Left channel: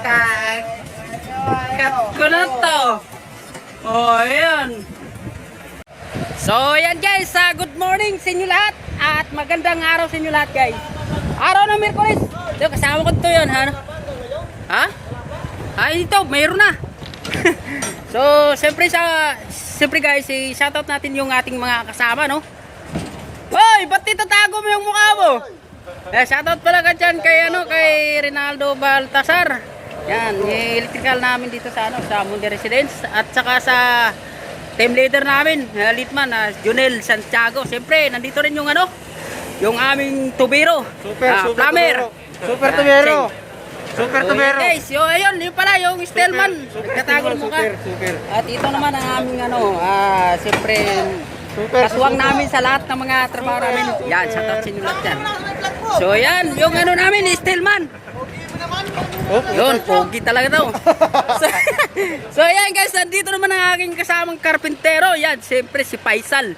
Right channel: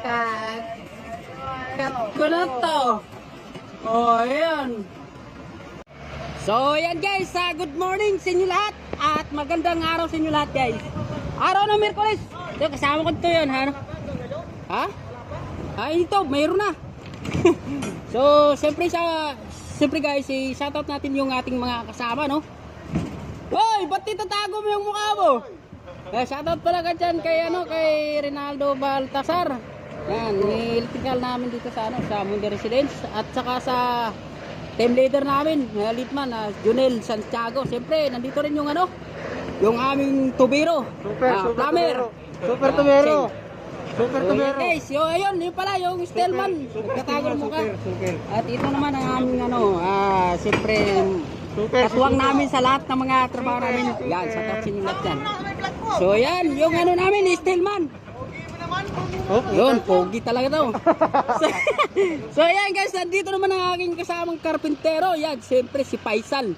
Cut ko na to. Oh, ayan. So, ayan guys, good morning sa inyo lahat. At magandang araw sa inyo lahat guys. Araw ng Miyerkules. Kasama ko ito yun, ha? Ha? Ito, mayroon na. So, siyempre guys, shoutout natin yung ating mga kasama, no? Hoy, ba't itatago mo yung mukha mo? Shoutout pala ka dyan kay Rinaldo Baltasar. Yan, yung electrical namin dito sa Mundi Residence. At saka sa team leader namin, Litman, Junel Santiago. Siyempre, nandito rin yung yung aming plumber. Super tubero. Super tubero. Guys, ayun, yun pala yung Stelman. Nagtatago ng mukha. Super. At ito naman ang aming siyempre kasuwang namin sa lahat ng mga trabaho namin. Yan, shoutout sa inyo lahat yan. So yan, yung namin, Stelman. Yun, pogi talaga daw. So yan guys, nandito naman ang aking kasamang karpintero. Yan, siyempre si Faisal.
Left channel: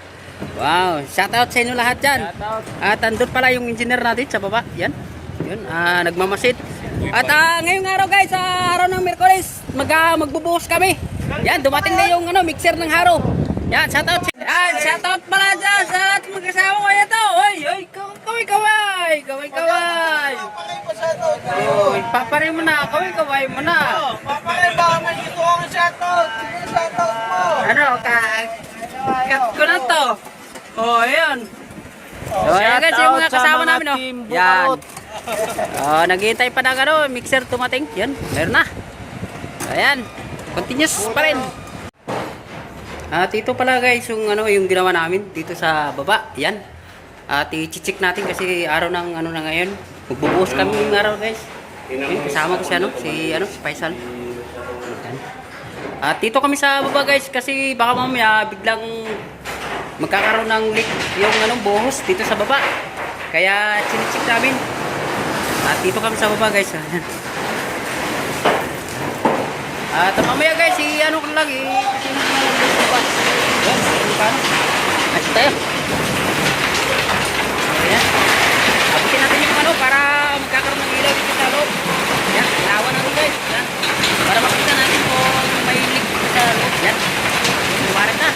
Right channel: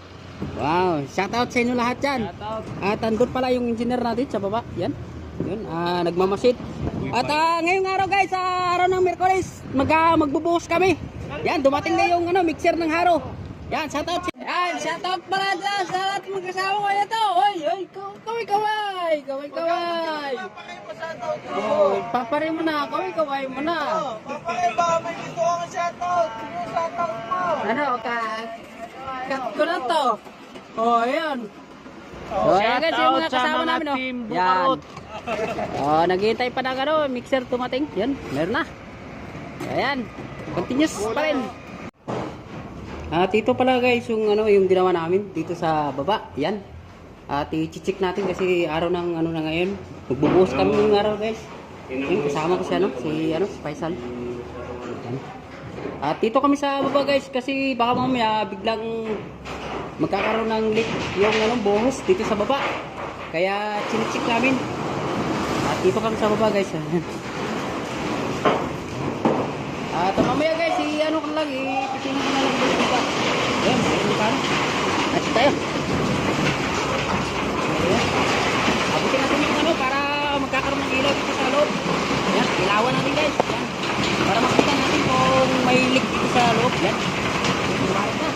Wow, shoutout sa inyo lahat yan. At andun pala yung engineer natin sa baba. Yan, yun, nagmamasid. At ngayong araw guys, sa araw ng Miyerkules, magbubuhos kami. Yan, dumating na yung mixer ng haro. Yan, shoutout. Yan, shoutout pala dyan sa lahat mga kasama ko ito. Oy, kaway. Papare mo na, kaway mo na. Papare, baka may ito ang shoutout. Sige, shoutout mo. Cut ko na to. Oh, ayan. So, ayan guys, yung mga kasama namin, no? Yan. Naghihintay pa ng mixer tumating. Yan, meron na. Ayan, continuous pa rin. At ito pala guys, yung ginawa namin dito sa baba. Yan. At i-check natin kasi araw ng na ngayon. Magbubuhos kami ng araw guys. Yan, kasama ko si Faisal. Yan. At dito kami sa baba guys kasi baka mamaya biglang magkakaroon ng leak yung buhos dito sa baba. Kaya chine-check namin. At dito kami sa baba guys. At mamaya guys, kasi ko lang dito sa baba. Yan, at tayo. Ayan. Abutin natin yung para magkakaroon ng ilaw dito sa loob. Yan, ilawan natin guys. Yan. Para makita natin kung may leak dito sa loob. Yan. Lumarap na.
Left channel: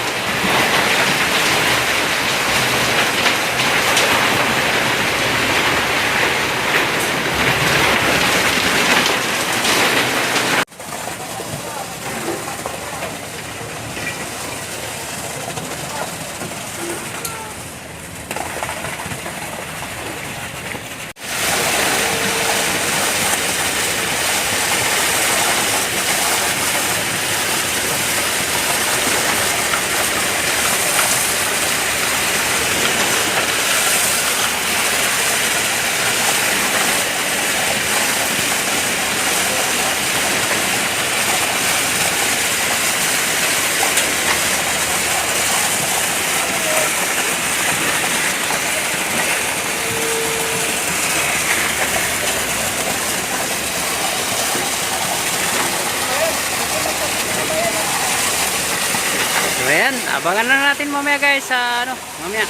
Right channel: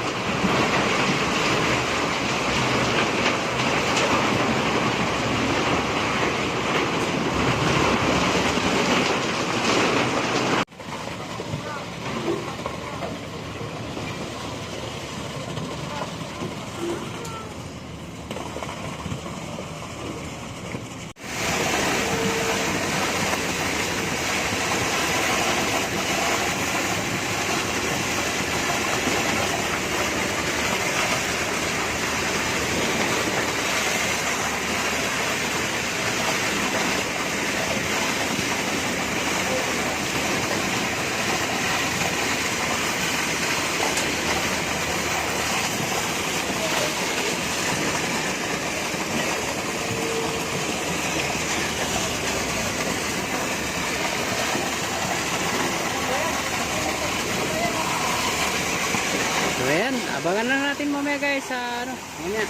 So ayan, abangan lang natin mamaya guys sa mamaya.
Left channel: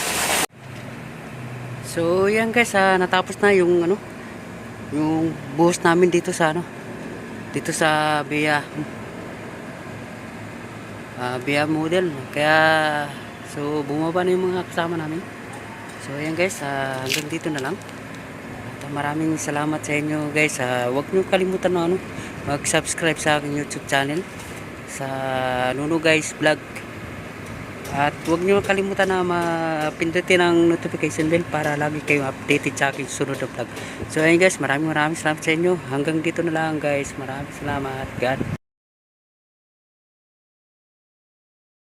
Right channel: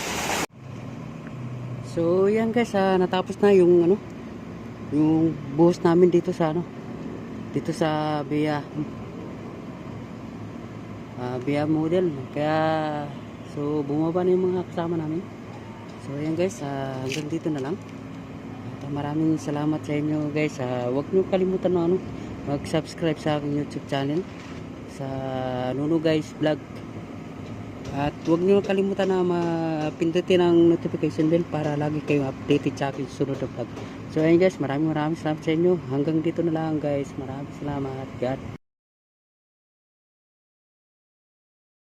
So yan guys, natapos na yung yung buhos namin dito sa dito sa Bia model. Kaya so bumaba na yung mga kasama namin. So ayan guys, hanggang dito na lang. At maraming salamat sa inyo guys. Huwag niyo kalimutan mag-subscribe sa aking YouTube channel sa Nuno Guys Vlog. At huwag niyo kalimutan na mapindutin ang notification bell para lagi kayong updated sa aking sunod na vlog. So ayun guys, maraming salamat sa inyo. Hanggang dito na lang guys. Maraming salamat. God.